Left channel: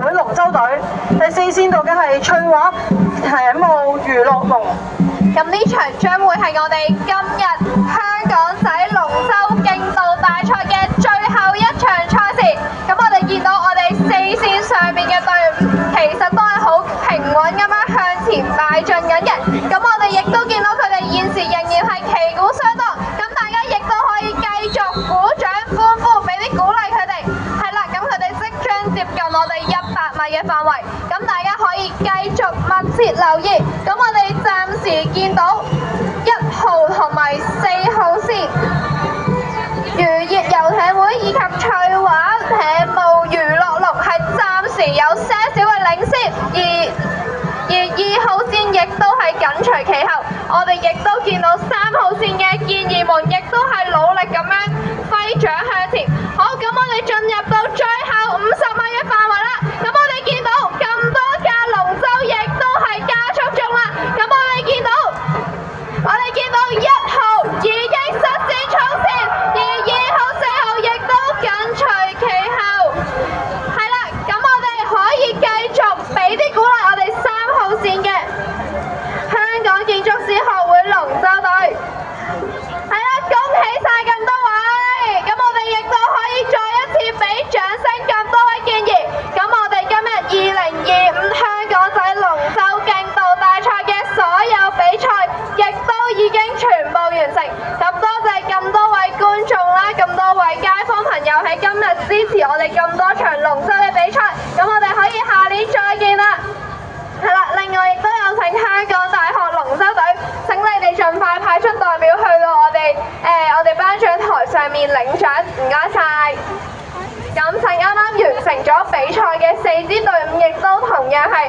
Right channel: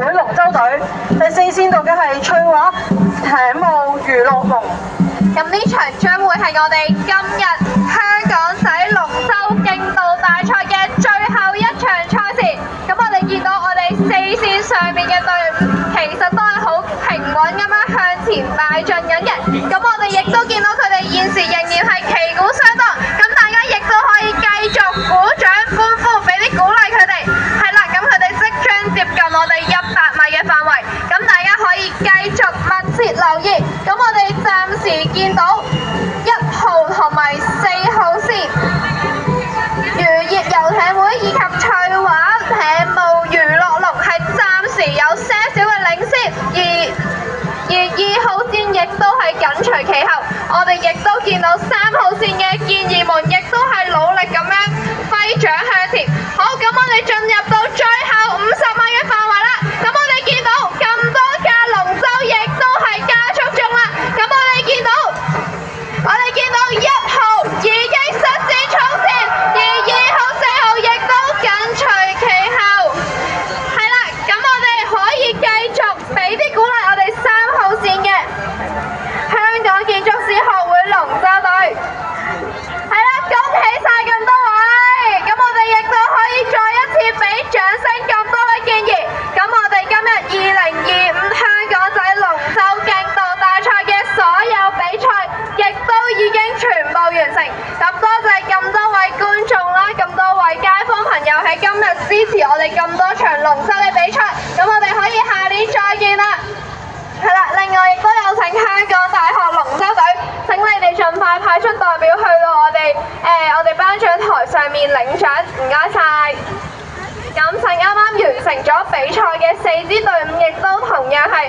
會龍舟隊，第4線到嘅係翠華艇務娛樂龍。咁呢場將會係我哋今日香港仔龍舟競渡大賽嘅最後一場賽事。咁我哋見到我哋4線上面嘅隊伍，其實都係好平穩咁樣向前邁進緊嘅。咁我哋亦都見到佢哋現時仍然係旗鼓相當。咁大家亦都可以繼續鼓掌歡呼，俾啲鼓勵佢哋。係啦，咁佢哋即將接近我哋100米嘅範圍。咁大家可以繼續密切留意。咁我哋暫時見到1號同埋4號線漁業遊艇會以及翠華艇務娛樂龍係暫時有些少嘅領先，而2號線亦都係緊隨其後。我哋亦都見到3號線嘅健兒們亦都係努力咁樣揮掌向前。好，咁我哋進入到最後50米嘅範圍啦。咁我哋見到咁多架龍舟亦都係加速中啦。咁我哋見到1號已經率先衝線，而2號、4號亦都緊隨其後。係啦，咁我哋可以繼續俾啲鼓勵我哋3號線嘅香港建築師學會龍舟隊。係啦，恭喜晒咁多位！咁我哋亦都可以再一次俾掌聲咁多位健兒。咁我哋今日2025香港仔龍舟競渡大賽嘅所有比賽，亦都已經全部完成。咁多謝咁多位觀眾啦，咁多位街坊朋友喺今日支持我哋咁多場龍舟嘅比賽。咁我哋可以下年再見啦。係啦，另外亦都有請香港大學龍舟隊，請你哋盡快派出代表去到我哋頒獎台上面領獎，唔該晒。咁請啱啱完成咗比賽嘅4支隊伍，亦都同樣係